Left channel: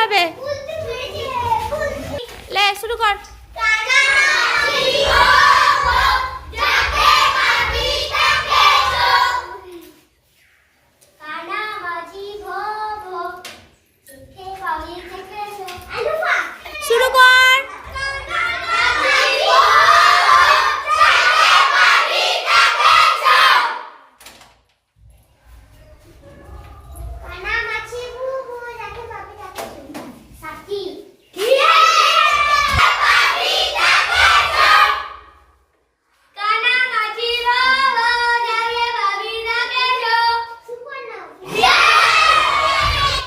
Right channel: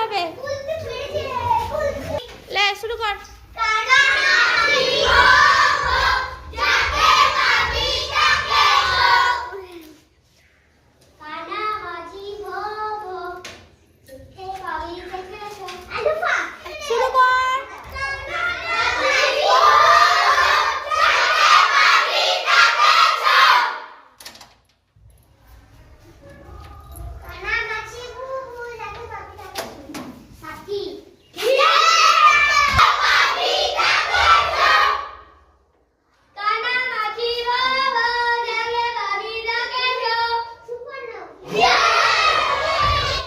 হবে লে শুরু কর।